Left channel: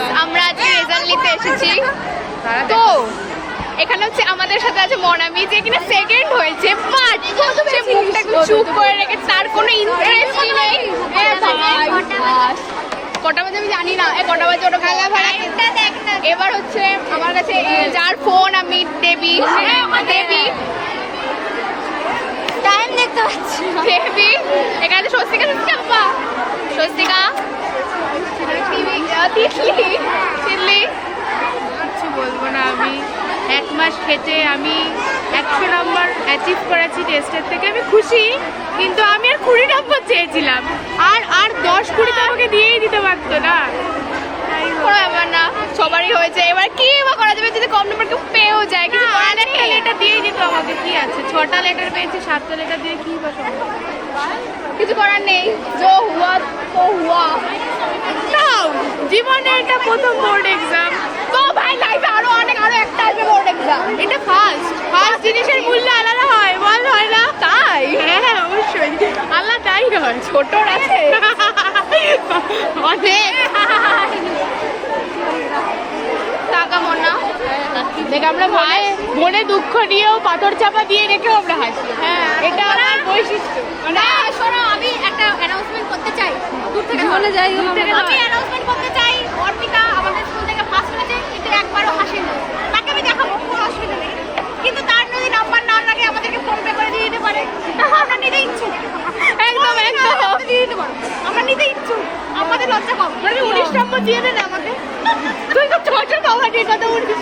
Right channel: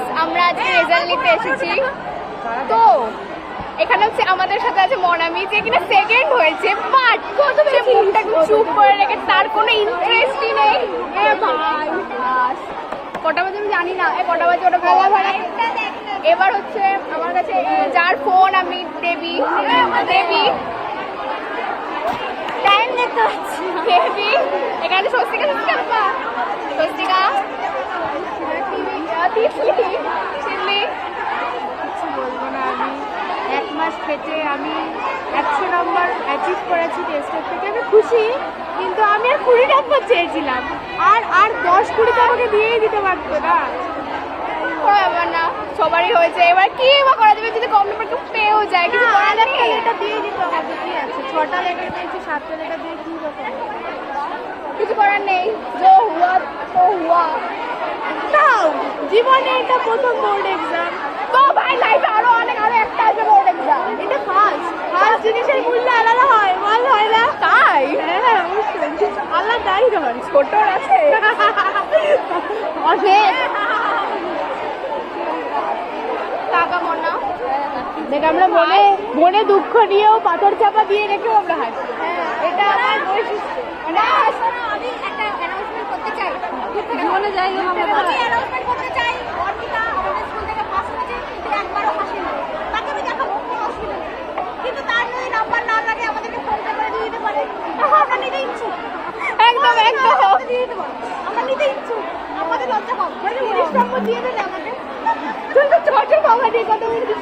Guys, আমরা আজকে result নিতে এসেছি। তো এখানে হচ্ছে আমাদের সাথে আছে মনামি, যে কিনা সেকেন্ড হয়েছে, বাট সে মুখটাকে চুপ করে রেখে, তার কোনো ইন্টারেস্টই নেই। এ ভাই, কটা বাজে আমি জানি না, কটা বাজে ওটা ভাড়া। এবার হচ্ছে আমার কাছে যার ফোন, আমি দেবী, দেবী টাইম দেখতে পাচ্ছি, দেবী এখানে স্বস্তিকা, স্বস্তিকা স্বস্তিকা, চিল্লি। কিছু বলবো না, আমি 1 মাস খেটে আমি 100 নম্বর অ্যাচিভ করেছি টেস্টের থেকে, আমি খুশি। কিন্তু আমি আর 20 নম্বর চেয়েছিলাম, আর 10-20 তো আমাকে দিয়েই দিতে পারতো না। কোনো ব্যাপার না, সবারই হয়েছে। এবার কি বা করা যাবে, যদি কম নম্বর কেউ পেয়েও যায়, কিছু আর একটা লেটার দিয়েই দিত আমাকে, কি আছে, 6টা লেটার পেয়েছি, 7টা লেটার দিয়ে কি বা সম্ভব? কিছু করার নেই, জো হুয়া তো হুয়া। তাও জীবনে এটা প্রথম বোর্ড এক্সাম, তো ভাই লাইফে আরো একটা আসবে বোর্ড এক্সাম। এটা ফার্স্ট জিনিসের মূল্য আলাদা হয়, বল হয় না? তাই? হ্যাঁ অবশ্যই আলাদাই হয়, ছোটর আছে অনেক। টাকা মনা দেখ, আমরা মনে দুঃখ নিয়েও পাথর চাপা দিয়ে রেখেও আমরা হাসি। হ্যাঁ, এটা আমার বৈশিষ্ট্য। মানে শোনো, আমি একটা অ্যানাউন্সমেন্ট করতে চাই, দূর থেকে বলে যাই, আমি অ্যানাউন্সমেন্ট করতে চাই। অর্পিতা আমাদের স্কুল থেকে ফার্স্ট হয়েছে, কিন্তু একবারও হাসেনি। তাকে আমি দেখাবো, কোনো অসুবিধা নেই, কিন্তু তার যদি নাম্বার না লাগে আমাদেরকে ফোন পে করে দিয়ে দিতে পারে, আমরা নিতে ইচ্ছুক। একদম দিয়ে দিতে পারো, আমরা নিতে ইচ্ছুক, আমাদের লজ্জা কম। 19 নম্বর দিয়ে দেন আমাকে। তুই তো ছোট বাবা, ঠিক কথা, 19